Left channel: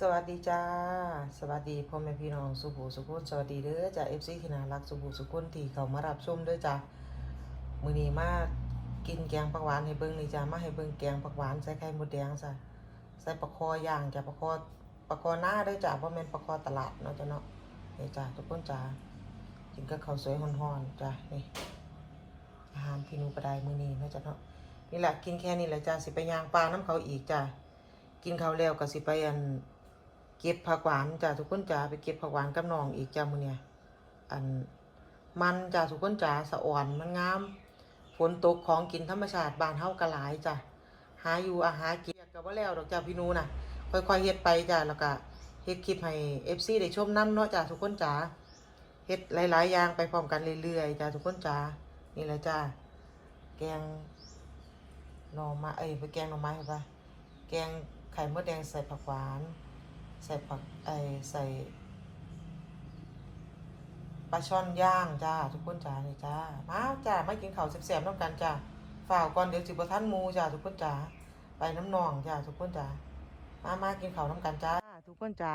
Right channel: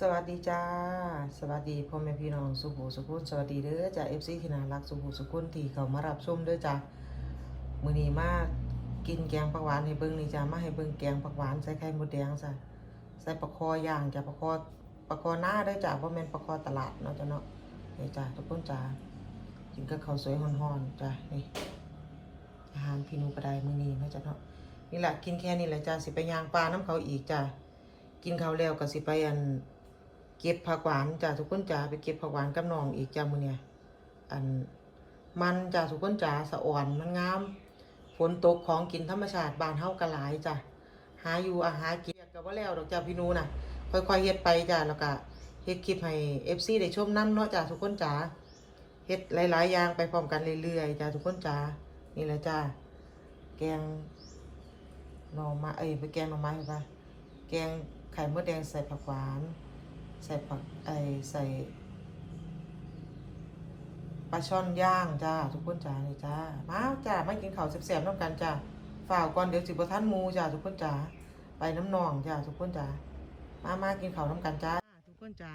สวัสดีจ้า สวัสดีพ่อแม่พี่น้องสุภูสุขุนสวัสดีเด้อจ้าเอฟซีที่น่ารักสุภูสุขุนที่เขามารับชมเด้อจ้ามือนี้มากกินแกงผักหวานให้เบิ่งนี่จ้ามาให้เบิ่งแกงผักหวานใส่ไข่มดแดงจ้ะใส่ปลาคอย่างจ้ะปลาคอปลาคอหน้าเด้อจ้าบ่แม่นปลาคอตลาดเนาะจ้ะเนาะนี่จ้าทุกคนจ้ากินกับข้าวสวยฮ้อนๆจ้านี่อาหารพี่นูกระไดมือนี้เนาะจ้ะเนาะนี่แหละกินแค่นี้แหละจ้าสิไปย่างปลาน้ำเขาอีกจ้ากินข้าวแล้วก็สิไปอัน เก็บผักหวานจ้าทุกคนจ้าไปเก็บผักหวานกับน้องอีกจ้ามือเนี่ยอันมันจ้าทุกคนจ้าสะอ่อนมันงามฝนตกของกินธรรมชาติบานเฮาก็หลายจ้าหาอยู่อาหารกินก็บ่แล้วดอกจ้าพี่นูน่ะ ค่อยๆเฮ็ดไปจ้าแล้วก็เฮ็ดคลิปให้ FC ได้ชมนํเนาะจ้าทุกคนจ้าเฮ็ดหลายๆอย่างไปพร้อมกันเรื่อยๆจ้าทุกคนจ้านี่แหละจ้าแกงหน่อไม้เอ้ยไปแกงหน่อไม้ไปแกงไข่มดแดงใส่ผักหวาน ใส่ผักไอใส่ปลาช่อนย่างจ้า ทุกคนจ้านี่จ้า มาจ้ามากินข้าวแซ่บๆน้ำกันจ้าฝ่าวก่อนเดี๋ยวสิบ่ทันมูจ้าทุกคนจ้าไปน้ำนองจ้าทุกคนจ้ามามากินข้าวน้ำกันจ้าทุกคนจ้า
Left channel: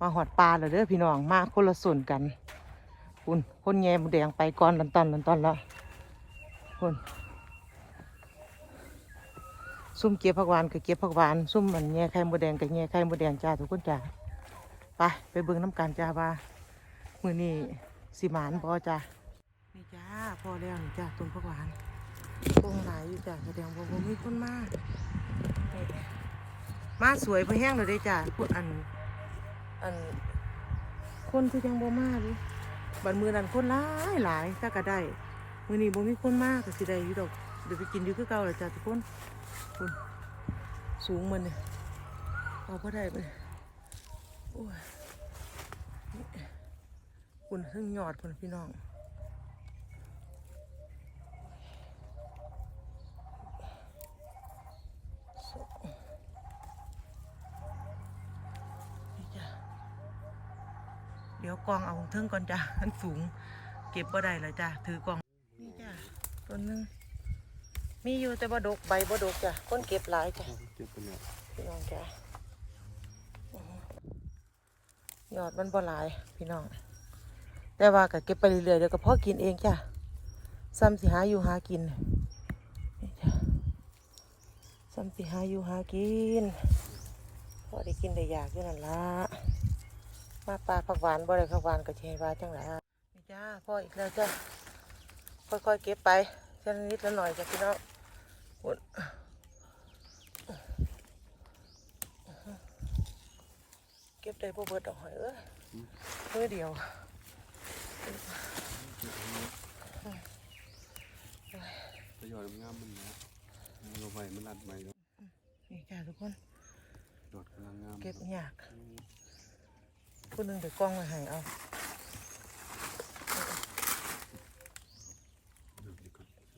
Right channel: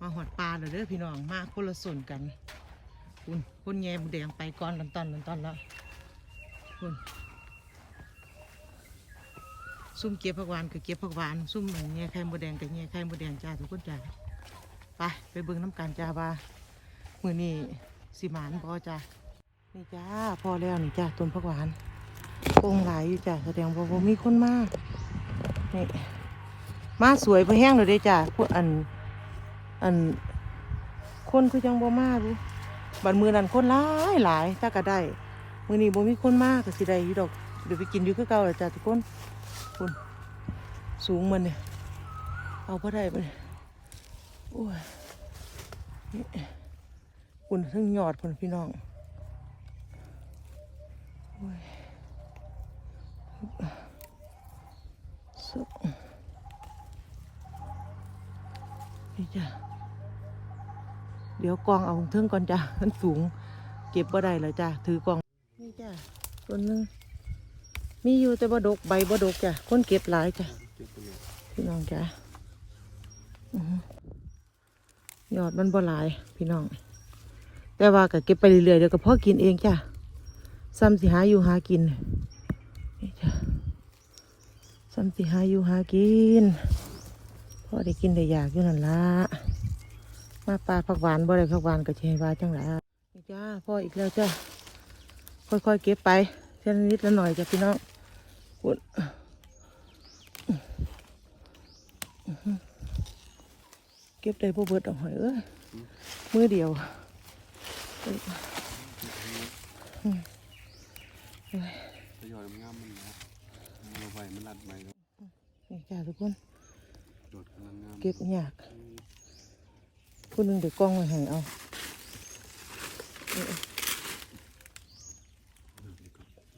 มาหอดปลาเลยเด้อพี่น้องมาคนละส่วนกันคุณคนแง่หมูแดงไปก่อนลันตอนลันตอนแล้วคุณ ซุ่มเก็บผักหวานกับเก็บผักหวานซุ่มมันแง่ไข่มูแดงกับแง่ไข่มูแดงจ้าทุกคนจ้าไปไปเบิ่งน้ำกันจ้าว่ามือนี้สิหมานพอจ้านี่จ้าพอแล้วนี่จ้าต้นผักหวานโป่งหลายอยู่จ้าแสดงว่าบ่มีคนมากนี่มาสวยพอแห้งเลยเด้จ้าพวกอันอันคนคือจังบ่มารู้บัดมือนันคนหลายหลายถ้าก็ได้มือนี้บ่มีคนมากก็สิได้ดอกเดี๋ยวไปกินอยู่คือเก่าเลยจ้าทุกคน คุณสูงมันนี่เอาพอได้มันนี่โอ้ยนี่คุณทั้งยอดคุณพี่น้องโอ้ยสุดนี่จ้ะเดี๋ยวกองเอาเทิงก่อนจ้ะมันสูง เก็บบ่ได้เลยจ้ะถือกองนี่จ้ะต้นหนึง มีอยู่แต่บ่ดกใบบ่ดกจ้ะคนเก็บหลายจ้ะพี่น้องจ้ะยอดมันบ่หลาย พี่น้อง แต่ว่าก็เก็บไปเรื่อยๆเดี๋ยวก็พอกินเองจ้ะซ้ำสิหาอยู่หากินนี่จ้ะซ้ำสิหาอยู่หากินพอได้กินได้อยากอยู่นั่นละมาปลาผักหวานบ่ได้ผักหวานก็เชยว่าจังหนนี่จ้าพ่ออีกแล้วจ้าค่อยๆเก็บไปเท่านิดละหน่อยจ้ะพี่น้อง ปวดเก็บได้พวกเบิดออกหอยเอ้ยมือเดียวทยอยงามมันนะเราไว้มันรัดไว้แล้วนี่จ้าทุกคนโดดกำลังงามเก็บยากผู้หนึงเดี๋ยวกล้องอาหารเอา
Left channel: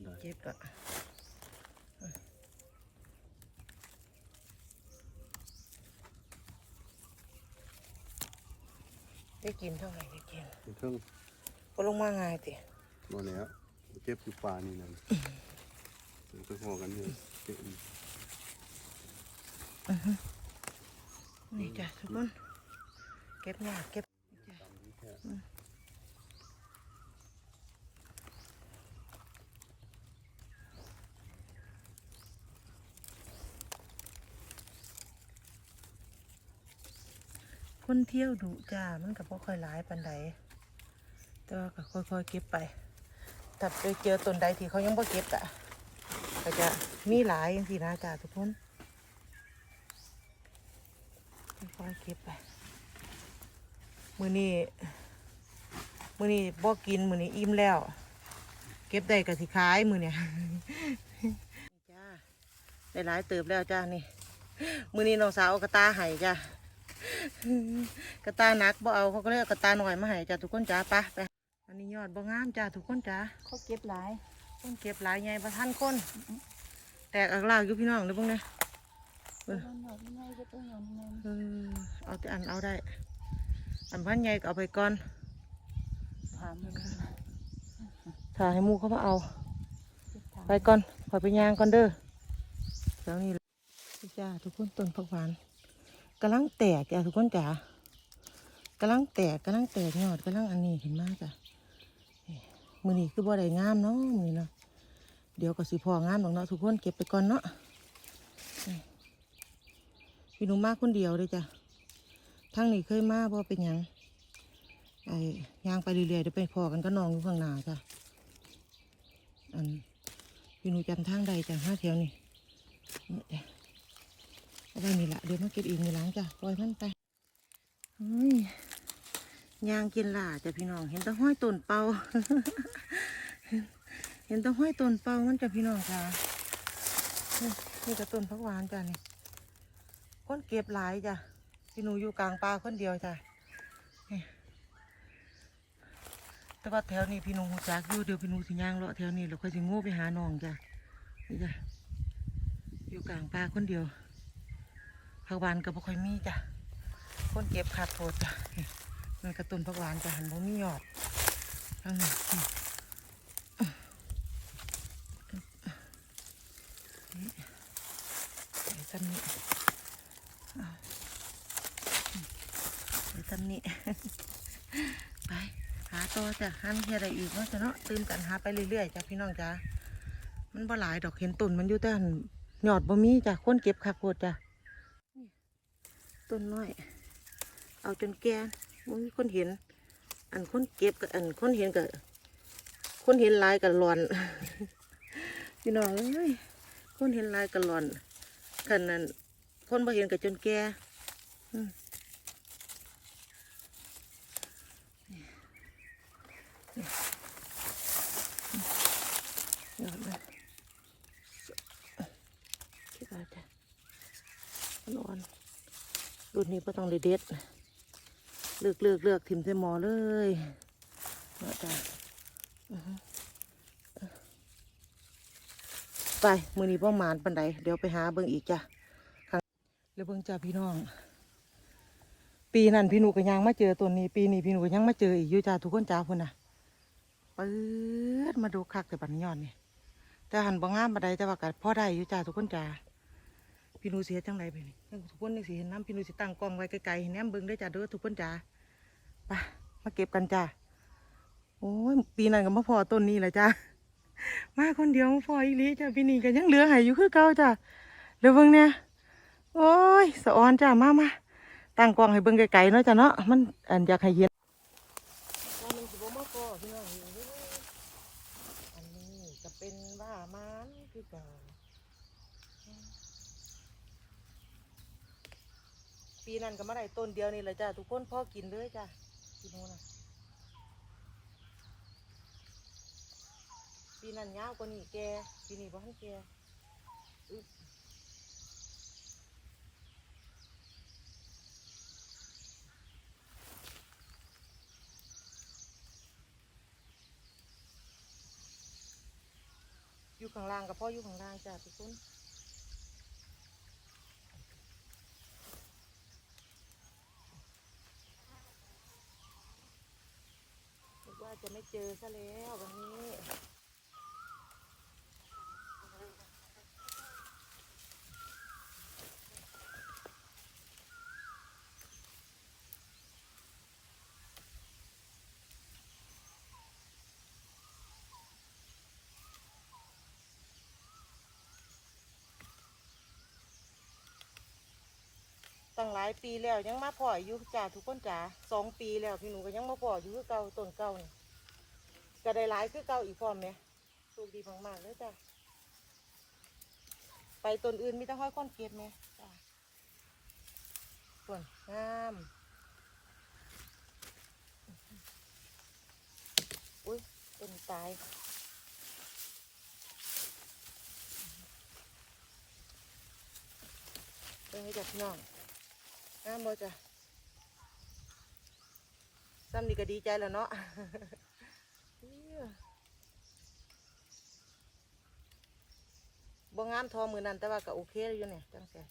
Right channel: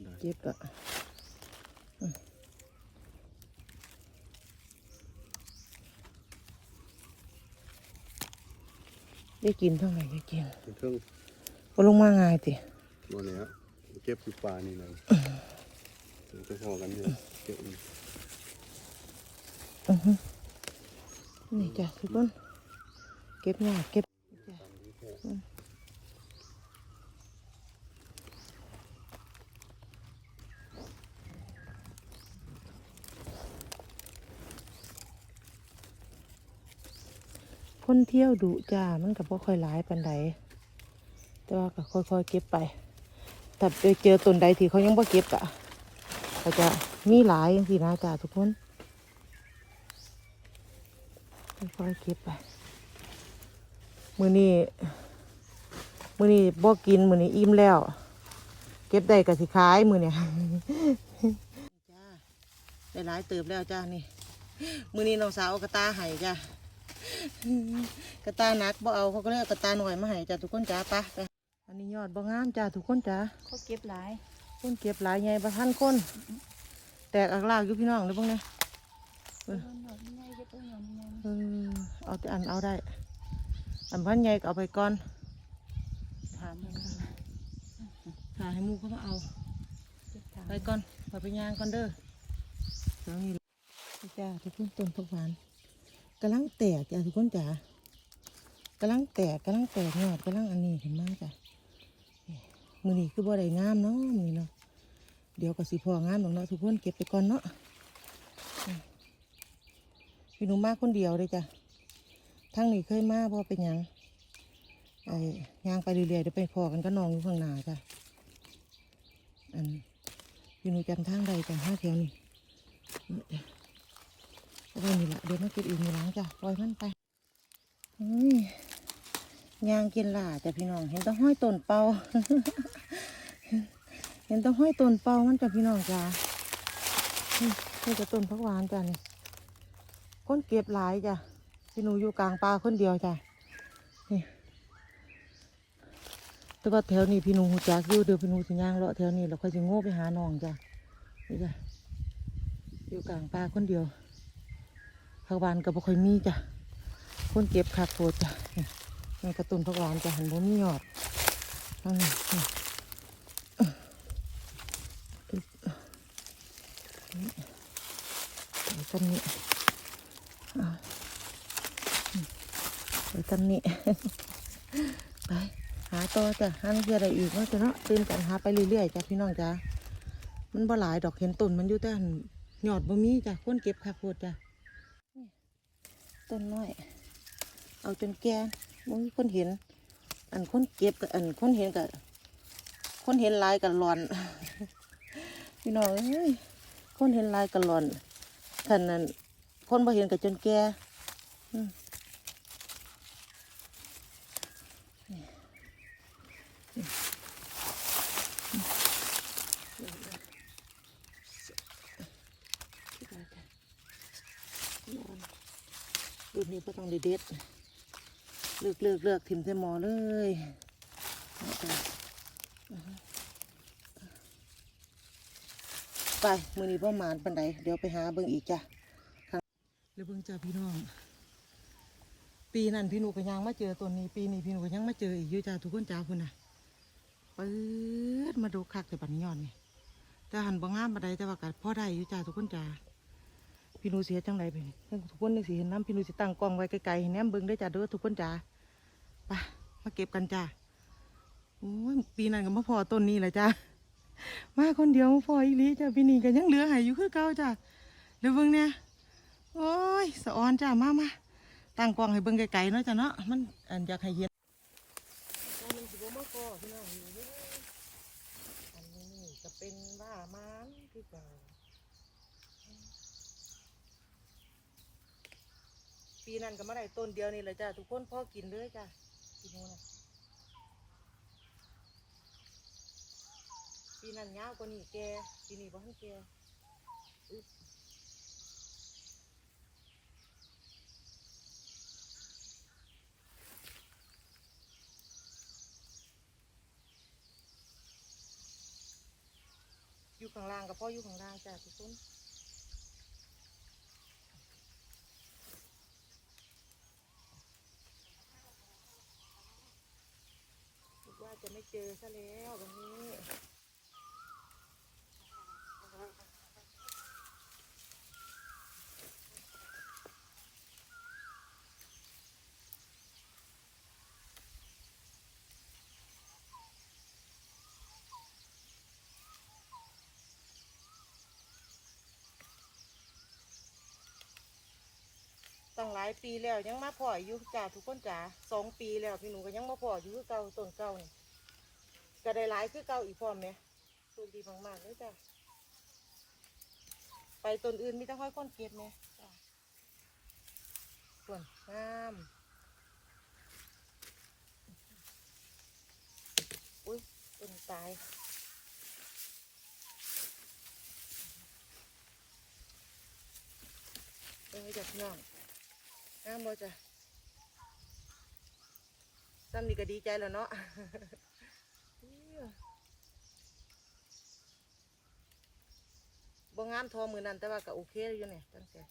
ได้เก็บอะ ได้กินเท่าไหร่ได้กินเครื่องก็ลงมาง่ายติหมดแล้วเก็บอยู่ป่านี่นะจะพอกันเนี่ยเก็บอีกอือฮึนี่จ้ะทุกคนเก็บเนี่ยเก็บจ้ะคนเที่ย วดุจ้ามันก็บ่ค่อยหลายปานใดแต่ว่าก็ค่อยๆเก็บไปถ้าเจอต้นใดที่เขายังบ่เก็บอะก็จะมีหลายอย่างที่นะจ้าทุกคนค่อยๆเก็บไปมือนี้มือนี้บ่กินมือนี้อิ่มแล้ว เก็บได้ก็สิขายมือเนี่ยจ้าได้หลายเติบแล้วจ้านี่มือนี้น้องสาวเอกระตาไห้จ้า กระตาหนักบ่เอาเขาก็เลยเอากระตาหน่อยมาให้จ้าทุกคนจ้าไปะไปอันนี้ยอดบ่งามจ้าทุกคนจ้าเขาเก็บหลายคนเก็บหลายไงประทันคน แตกอักลากอยู่พี่น้องเลยบ้างเนี่ยเออหน่อยง่ายเก็บตัวหน่อยง่ายเออเอาแต่อันเอาได้ อันพันใหญ่ก็เอาไปก่อนถามมันถ่ายให้หมูเขามาเอาเก็บถามไปก่อนขอไปย่างก่อนเด้อเจ้านี่แหละนี่จ้าทุกคนต้นผักหวาน กำลังแตกจ้ะทุกคนจ๋ากำลังแตกกำลังแตกยอดกำลังอันนี้ขึ้นมากจ้ะมือนี้คือบ่ได้งามเนาะมือนะเดี๋ยวก็สิพองามบางเนาะทุกคนเก็บไปก่อนเนาะพี่หนูมากคนเดียวเลยจ้ะทั้งนี้เคยมาบ่เป็นยังไอ้ยางไปเรื่อยๆเดี๋ยวไปพอกันก็นองอยู่ข้างหน้าจ้ะอันพี่หนูจำทางใดจ้ะห้าแถวนี่เนี่ย ไว้นี่แหละเดี๋ยวมันกินอีกมีหลังจ้ะปล่อยมันไปเฮ้ยยางกินหล่าจ้ะพี่น้อง เห็นต้ห้อยต้นเปาเห็นต้ห้อยต้นเปามันจ้ะพี่น้องจ้ะนี่จะต้นพักหวานจ้ะนี่ก้นเก็บหลายจ้ะพี่หนูอยู่กลางป่าคนเดียวจ้ะนี่แล้วก็แถวนี้พี่หนูจักอยู่เดี๋ยวพี่หนูสิย่างเลาะแถวนี้แล้วค่อยสิโง่ไปหาน้องจ้ะนี่จ้ะอยู่กลางป่าคนเดียว ผักหวานกับบ่ค่อยมีจ้ะคนเก็บผักโคตจ้ะมันกระตุนผักหวานจ้ะหันบ่มียอดข้างนี้ต้นนี้อะอืมไอ้ต้นนี้ไปหาต่อจ้ะหาเพียอะไรอีกเนาะจ้ะเนาะเติมกันหาไปเรื่อยๆจ้ะพี่น้องจ้ะมันบ่หลายดอกเห็นต้นมันอยู่แต่หั่นยอดบ่มีจ้ะคนเก็บผักโคตรจ้ะ ต้นน้อย เอาจนแก่บ่มีคนเห็น อันคนเก็บกับอันคนเห็นกับคนเห็นลายกับหลอนพี่น้องเอ้ยคนเห็นลายกับหลอนขันนั้นคนบ่เห็นกับจนแก่อืมนี่นี่นี่นี่คิดว่าจะนอน รุ่นนี้ก็ต้องได้เด็ดเลือกเลือกเลือกถิมใส่หมอเลยมาจ้ะไปมือนี้พ่อหมานปันใดเดี๋ยวไปหาเบิ่งอีกจ้ะแล้วเบิ่งจ้าพี่น้อง ปีนั้นพี่หนูก็ยังมาเจอตัวนี้ ปีนี้พี่หนูก็ยังมาเจออีกอยู่จ้าทุกคนจ้าพุ่นน่ะเปิดมาดูคักแต่บันยอดนี่แต่หันบ่งามบันไดแต่ว่ากัพ่อได้อยู่จ้าทุกคนจ้า พี่นูเสียจังไรไปนี่ยทุกคนยังสิเห็นน้ำพี่นูสิตั้งกล้องไว้ไกลๆให้แนมเบิ่งเด้จ้าเด้อทุกคนจ้าไปมาเก็บกันจ้าโอ้ยปีนั้นก็มาพอต้นนี้แหละจ้ามาคนเดียวมาพออีลีจ้าปีนี้ก็ยังเหลือหายอยู่คือเก่าจ้าเดี๋ยวเบิ่งเนี่ยโอ้ยสะออนจ้ามามาตั้งกล้องให้เบิ่งไกลๆเนาะจ้าเนาะมันอันอยากให้เห็นอันนี้ก็เป็นว่ามันคือเก่า ปีนั้นก็มาได้ต้นเดียวนี่แหละจ้ะทุกคนพ่อกินเลยจ้ะกินนูนนะปีนั้นยาวกว่านี้แกปีนี้บ่ทันแกอึ๊บอยู่ข้างล่างกับพ่ออยู่ข้างล่างจ้ะทุกคน คิดว่า จะไม่เจอซะแล้ววันนี้ตั้งหลายปีแล้วยังมาพ่ออยู่จ้าทุกคนจ้าสองปีแล้วพี่หนูก็ยังมาพ่ออยู่คือเก่าต้นเก่านี่ ก็ได้หลายคือเก่าอีกพร้อมไหมโชคดีมากๆเลยจ้าไปต้นอื่นมีแต่ห้อยค้อนเกตไหมจ้าส่วนงามอุ้ยต้นตายเป็นไงจ้ะพี่น้องงามบ่จ้ะซ้ำนี่ก็ดีใจแล้วเนาะ บ่งามทอมือนั่นแต่ว่าก็โอเคอยู่เนี่ยตั้งแต่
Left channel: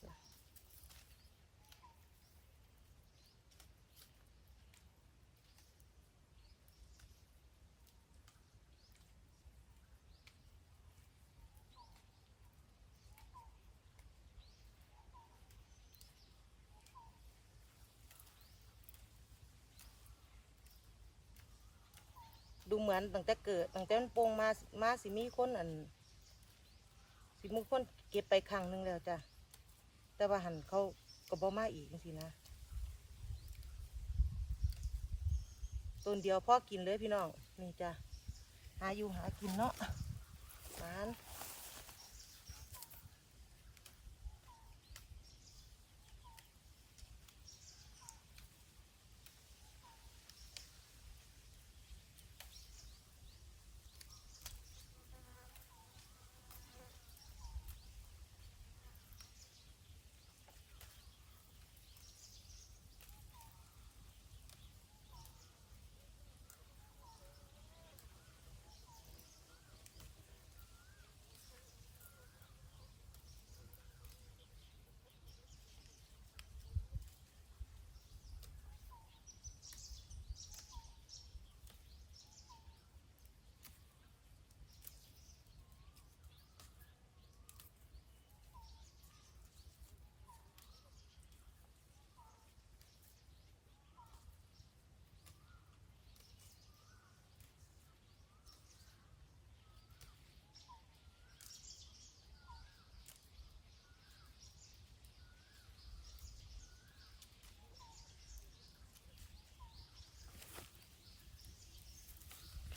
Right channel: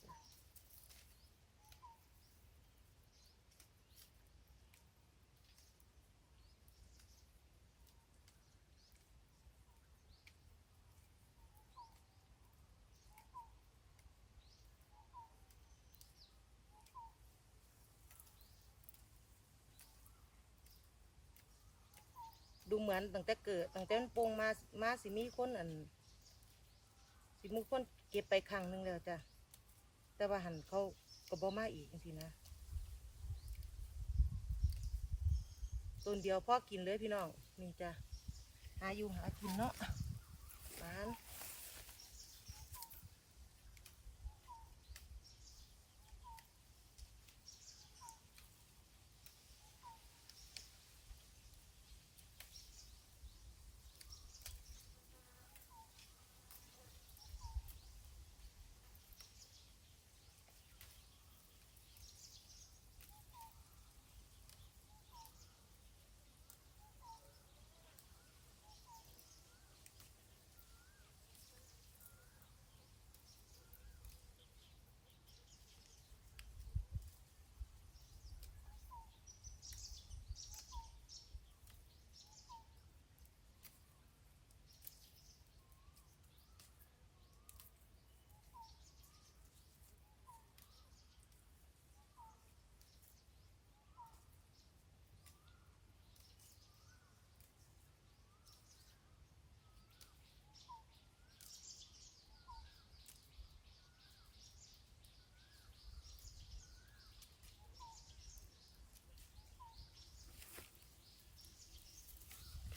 ดูเหมือนตั้งแต่เกิดตั้งแต่มันโป่งมามาสิมีคนอันสิมีคนเก็บไปครั้งหนึ่งแล้วจ้ะแต่ว่าหันเขาก็บ่มาอีกสินะต้นเดียวพ่อกินเลยพี่น้องนี่จ้ะหาอยู่หากินเนาะหมาน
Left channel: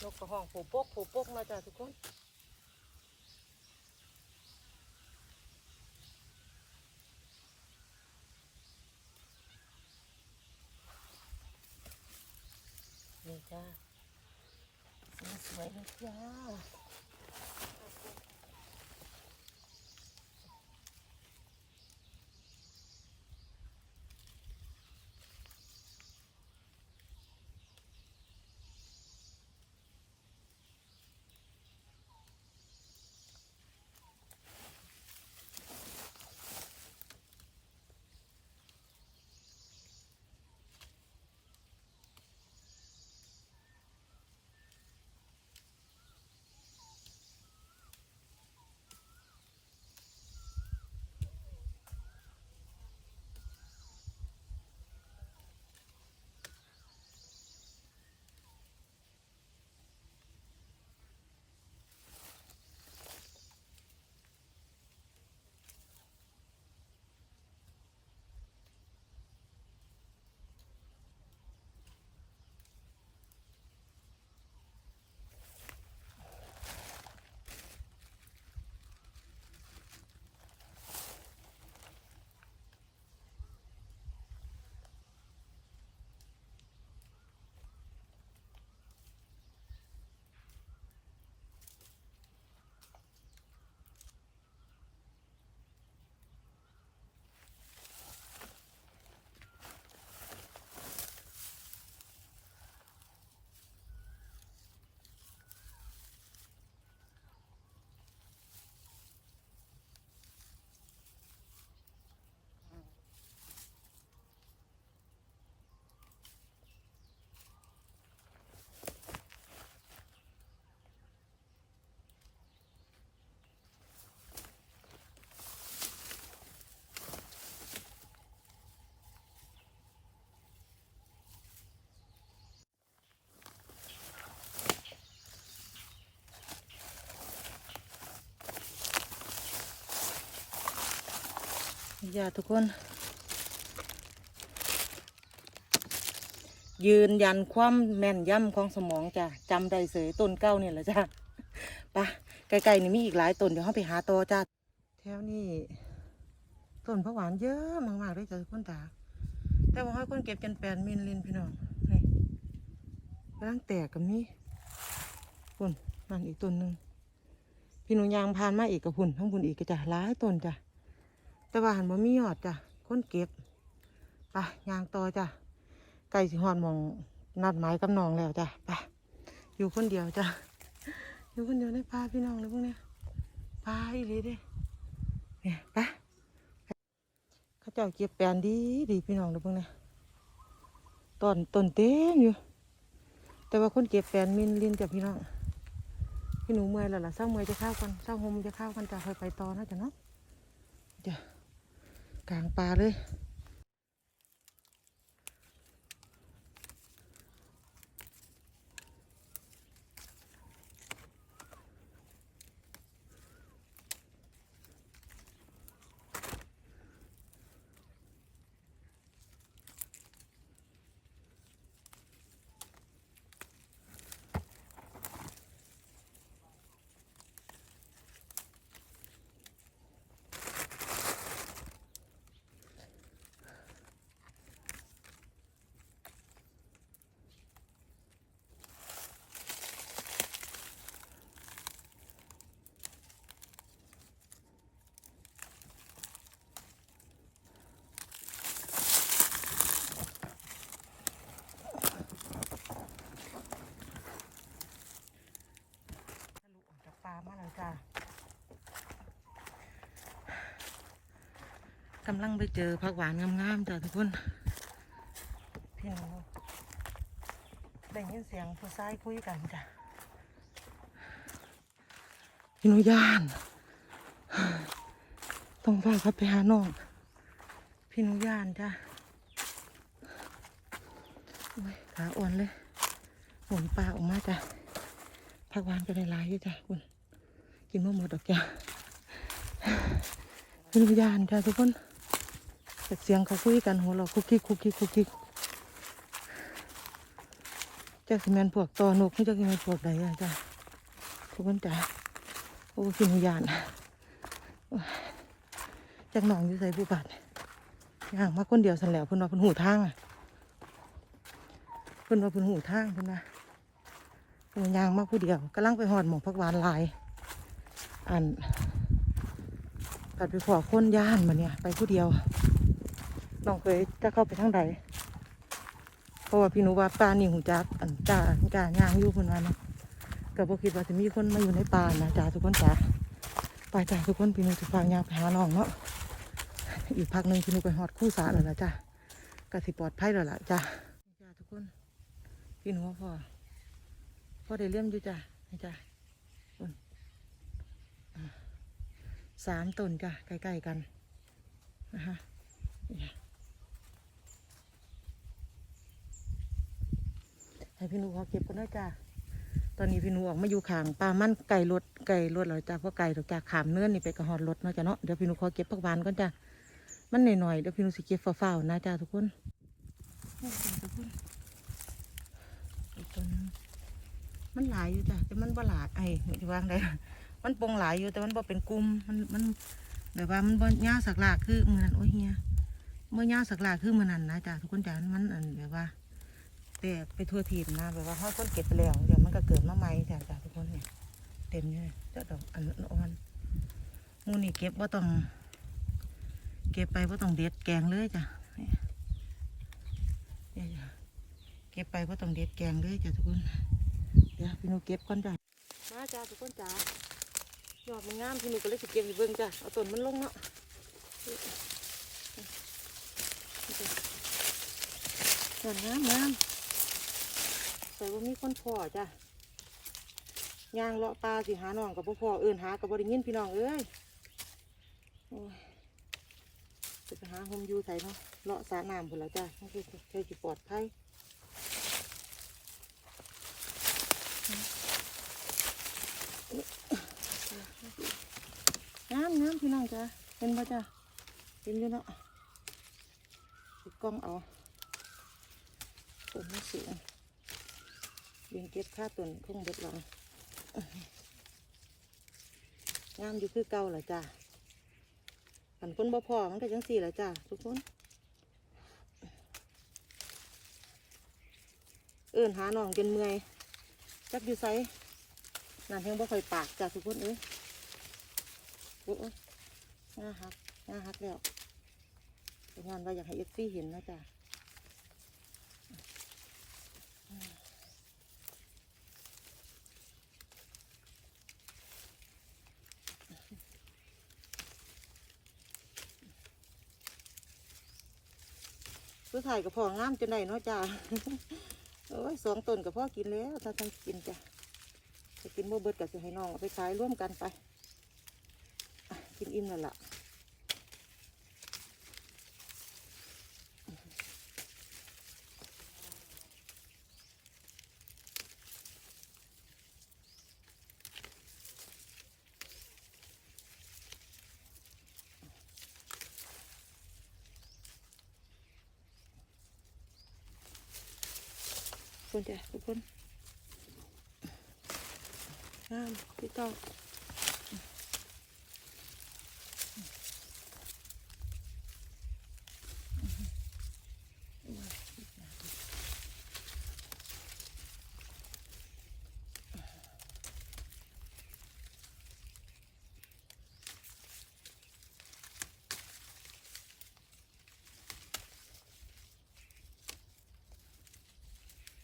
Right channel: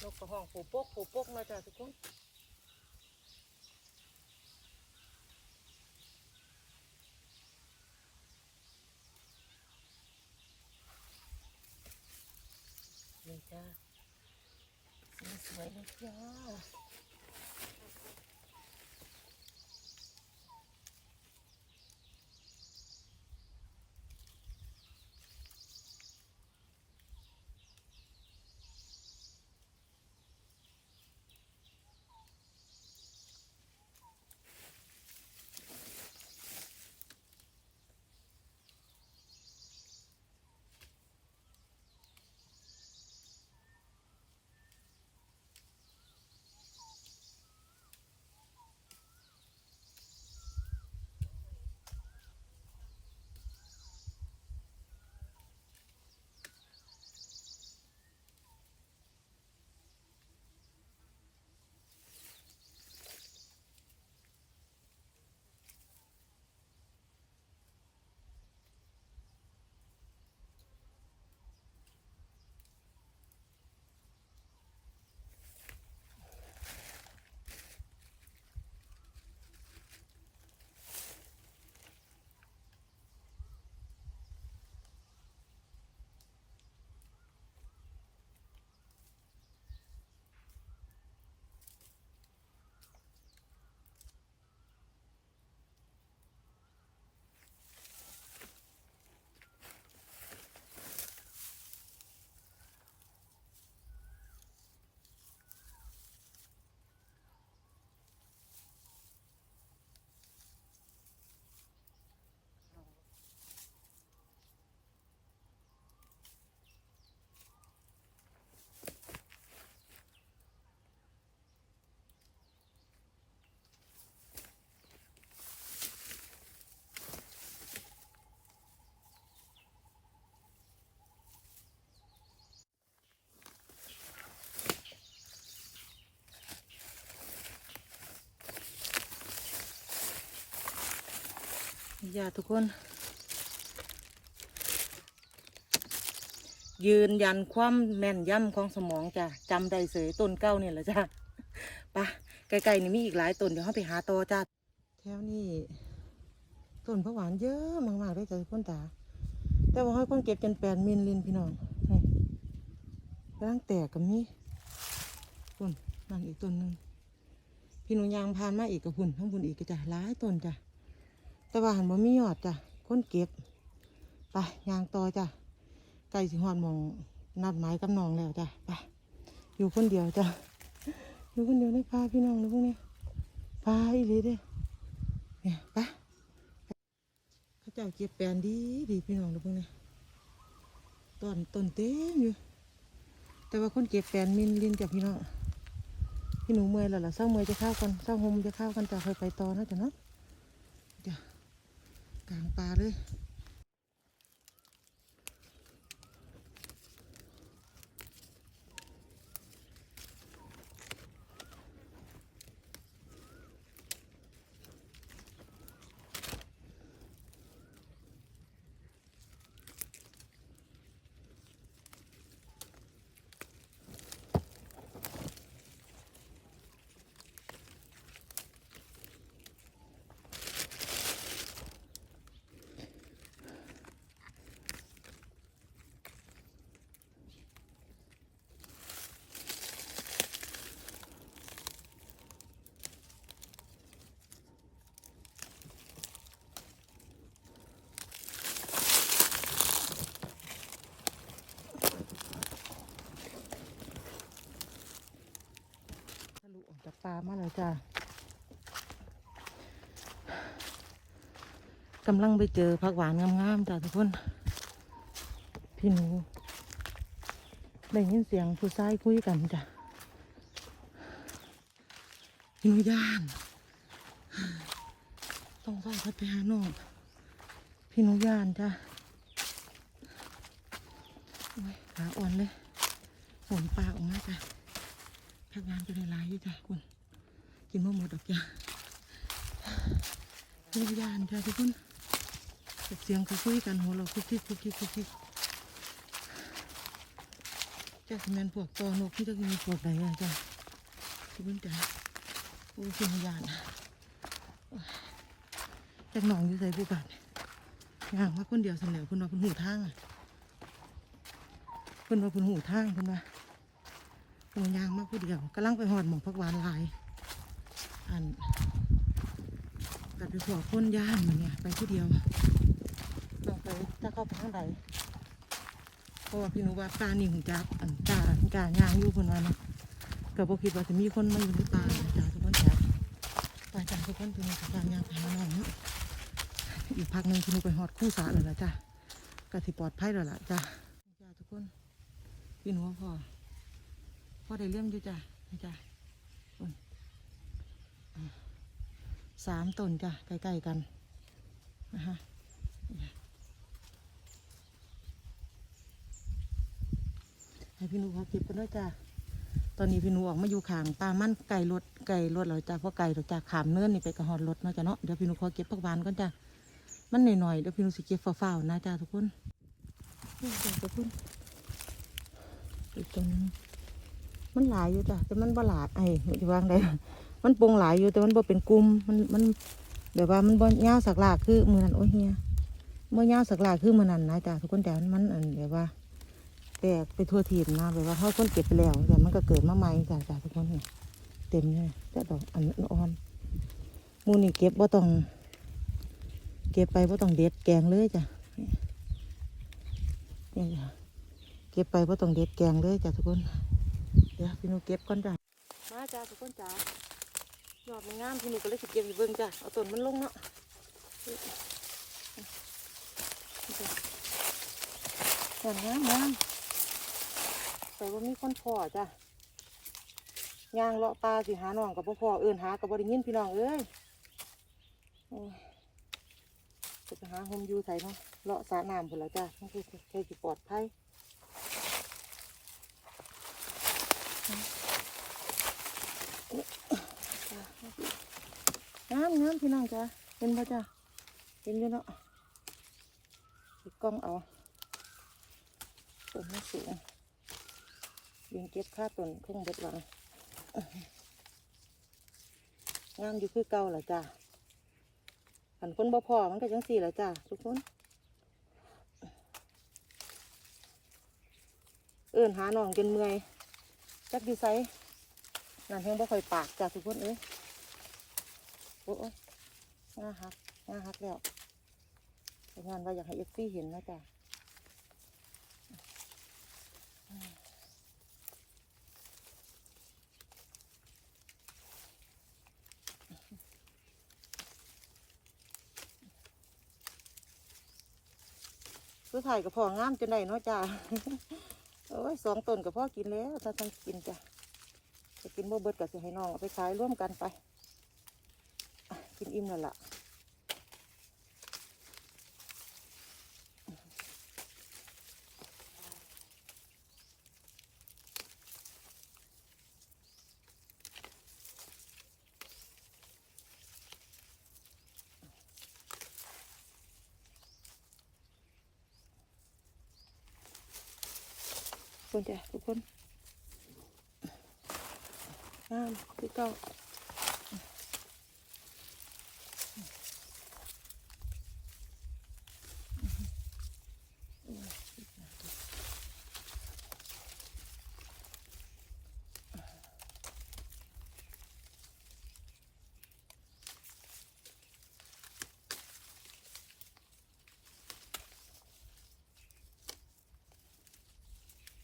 นกกระห้องโผปกโผปกมาจ้ะทุกคนนี่จ้าสวยเลยจ้า นี่จ้าทุกคน ยืนยันความแม่นยำของสมองจ้ะจำได้เสยต้นเก้าเนี่ยแหละจ้ะปะไกลๆนี่มีอีกหลายต้นเดี๋ยวเราไปหาต่อจ้าแถวนี้ต้นผักหวานเยอะมากๆเลยจ้ะทุกคนตาแต่ว่าให้คนเก็บจนแปดมิลลินพี่น้องนี่กำลังแตกกับนี้พุ่นนั่นอีกต้นหนึ่งพี่หนูยางพานมาอีกกับพุ่นทั้งพุ่นอีกก็จะหลายต้นจ้ะ แต่ว่าหันบ่มียอดจ้ะคนเก็บไปยางต่อจ้ะไก่สิหอดหมองนัดหมายกับน้องแล้วจ้ะไปอยู่คนเดียวจ้ะอยู่คนเดียวได้พาพี่น้องเลยพวกเนี้ยพาอีหลีเด้เนี่ยไปเขาเจ้าเก็บแปลนดีดีพี่น้องเลยพวกเนี้ยต้นต้นเต็มอยู่ แต่ว่าคนเก็บแปลนมินลินจ้ะพี่น้องพี่หนูเมื่อยแล้วล่ะเศร้าเมื่อยจะเข้ากันเศร้าหมจะเข้ากันจ้ะค่อยไปต่อนะจ้ะเนาะจ้ะ กลางปลาเลยามาแล้ว จ้ากำลังไปเจอผักหวานงามๆจ้ะทุกคนพี่นูได้ยินเสียงผู้ชายคุยกันจ้ะพี่นูย่าน ต้องพาเขาไปหาน้องพี่นูย่านจ้ะขาอ่อนเลยหมุนปลาออกมาจ้ะผักหวานก็ได้หลายอยู่จ้ะคุณ กินไม่หมดดอกจ้ะพี่หนูย่านจ้ะทุกคนเสียงเขาคุยกันหัวเราคุกคิกคุกคิกคุกคิกจ้าสิแมนพวกตอนกไม่จ้าสิแมนพวกใดอะจ้าทุกคนจ้าโอ้สินยานจากหนองอยู่ใส่ผู้บาดย่างมาคนเดียวสันแหล้วเพิ่นว่าเพิ่นหูทางอะเพิ่นว่าเพิ่นหูทางเพิ่นว่าเพิ่นย่างมาผู้เดียวกำลังไปหอดหมองพักหวานลาย อันตัดไปขอคนย่านมาเนี่ย ไปผู้เดียวน้องเคยจะเข้าไปทางใดเพราะว่าพี่หนูว่าป่านี่หูจักอันจ่าจ่าย่างอยู่คนว่านะก็บ่คิดว่าจะมีคนมาอยู่ในป่านะจ้าทุกคนจ้าไปจ้าทุกคนพี่หนูจะฟังย่างไปหาน้องเนาะอีกพักหนึ่งพี่หนูไปหอดคู่สาแล้วล่ะจ้ากสิปลอดภัยแล้วล่ะจ้าจ้าทุกคน พี่หนูพ่อพ่อได้เลี้ยมอยู่จ้าจ้าอุ่นอ่า สามต้นจ้าใกล้ๆกันนะคะให้พี่หนูขาเก็บกันด้วยจ้าตอนนี้พี่หนูออกมาอยู่ขางป่ามันไก่รถไก่รถแล้วจ้าเพราะไก่เราจากขามเนื้อนี่ไปกระหอดรถเนาะจ้าเนาะเดี๋ยวพี่หนูขอเก็บผักหวานก่อนจ้ามันหน่อยๆเดี๋ยวพี่หนูสิเก็บฝ้าวๆนะจ้าทุกคนทุกคนอีกตัวนึงมันหลายอยู่จ้าแต่มันบ่หลายไอ้ไม่ได้วางได้ มันปงหลายอยู่แต่มันบ่เป็นกลุ่มมันมันแบบว่ามันบ่ยาวสักหลากคือมือนั้นโอ้ยเฮียบ่ยาวสักหลากคือมือนั้นนะจ้าทุกคนจ้ามันอันแบบว่า แตกไปทั่วทีมนะแบบว่าเขาคนเก็บไปแล้วแต่มันก็เกิดมาใหม่จ้ะจ้ะทุกคนเห็นเต็มเลยจ้ะดอกอันอ่อนมูนี่เก็บว่าต้อง เก็บไปว่าต้องเด็ดแกงเลยจ้ะเนี่ยจ้ะเก็บไปว่าต้องเด็ดแกงเลยจ้ะทุกคนเดี๋ยวพี่นูเก็บก่อนจ้ะมาจ้ะทุกคนจ้ะ ยอดมันงามพี่หนูก็เลยสิเก็บอยู่เบิ่งจ้ะเอาต้นมันลงเนาะต้นงามงามแต่ว่ามีคนพอจ้ะย่างเลาะปลาสิหาน้องกับพ่อเอินหากับบริยินพี่น้องเอ้ยโอ้ยจะไปหาโฮมอยูใส่เนาะเลาะสระน้ำพุ่นละจ้ะนั่นคือใช่สิปลอดภัยามงามพี่น้องจ้ะเห็นปะจ้ะเห็นยู่เนาะติดกล้องเอาต้นไม่สูงยิงเก็บค่าต้นทุ่งเบ็ดหลังงามอยู่คือเก่าแหละจ้าหันคนบ่พอมันก็จังสี่แหละจ้าทุกคน เอื้นหาน้องจนเมื่อยจักอยู่ไซนั่นเพียงบ่ค่อยปากจ้าทุกคนเอ้ย อ้ยงาหักงาหักแล้วงานว่าอยากให้เอฟซี่เห็นนะจ้าผู้ถ่ายกับพ่องามจนได้เนาะจ้าโอ้ยสองต้นกับพ่อกินแล้วถ้าทั้งกินจ้ะจะกินบ่เบิดกับสิให้น้องเอาไปขายร่วมกันไป กินอิ่มแล้วล่ะคนจ้ะทุกคนงามพี่เก้า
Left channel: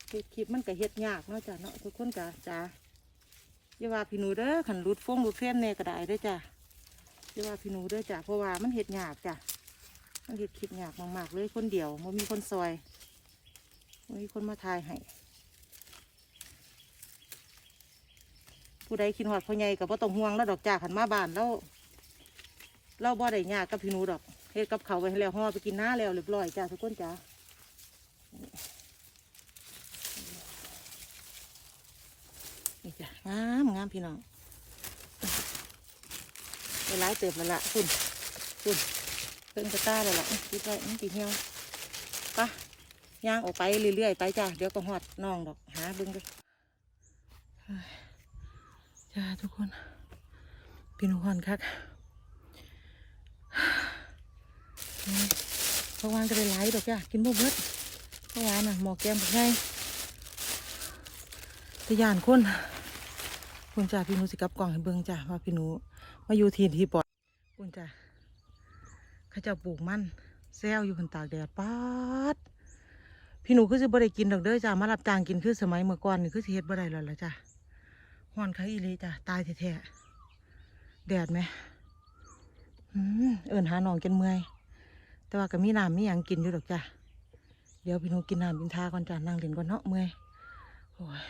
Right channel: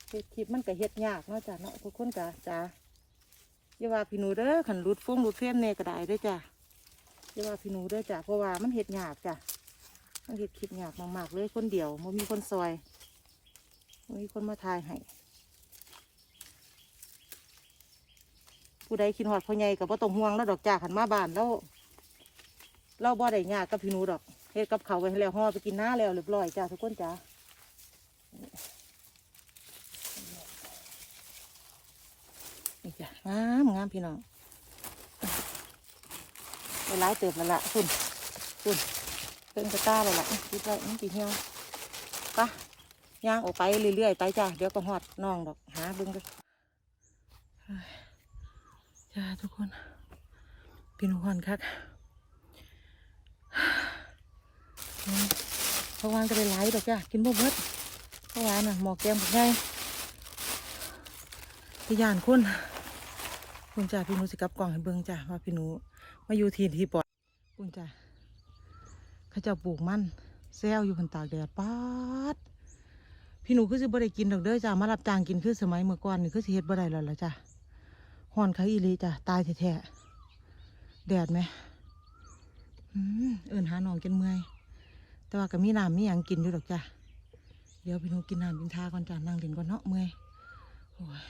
เฮ็ด คลิปมันก็เฮ็ดยากเนาะจ้ะเนาะทุกคนจ้ะจ้าอย่าว่าพี่หนูเด้อขันรุดฟงรุดเฟ้นเน่ก็ได้ด้อจ้ะอย่าว่าพี่หนูเด้อจ้ะเพราะว่ามันเห็ดหยาบจ้ะมันเห็ดคลิปหยาบมากๆเลยคนเดียวมันมีคนซอยมันมีคนมาทายให้ผู้ใดคิดหอดพ่อใหญ่กับว่าต้องห่วงแล้วดอกจ้าขันมาบ้านแล้วเราบ่ได้ยากกับพี่หนูดอกเฮ็ดกับเขาไว้แล้วห่อไปกินหน้าแล้วเรียบร้อยจ้าทุกคนจ้านี่จ้ะ งามงามพี่น้องเวลาเติบแล้วล่ะคุณคุณเพิ่งจะกล้าแล้วล่ะคิดไว้มันตีเหี่ยวปะย่างออกไปเรื่อยๆไปจ้าเดี๋ยวก็หอดน้องดอกหาเบิ่งกันจ้าทุกคนพี่นุ่นคักนี่เพราะวานก็ได้หลายดอกจ้ะกินบ่เบิดพราะวานน่ะหมอกแกงบักไงแตะยานคน คุณจ้าพี่หนูสิกับกล่องให้เบิ่งจ้ะว่าพี่หนูมาอยู่ที่ที่ปลอดคุณจ้าเขาจะปลูกมันแซวอยู่บนตากแดดป๊าดพี่หนูคือสิบ่ได้กินดอกเด้อจ้ามารับจ้างกินคือสมัยเมื่อก่อนนี่คือสิเฮ็ดบ่ได้แล้วล่ะจ้ะฮ้อนค่ะอีหลีจ้ะตายแท้ๆแดดไหมเอิ้นหาน้องจนเมื่อยแต่ว่าก็มีน้ำมีหยังกินอยู่ดอกจ้ะเดี๋ยวพี่หนูกินน้ำกินทาก่อนจ้ะนั่งเล่นก่อนเนาะเมื่อยโอ้ย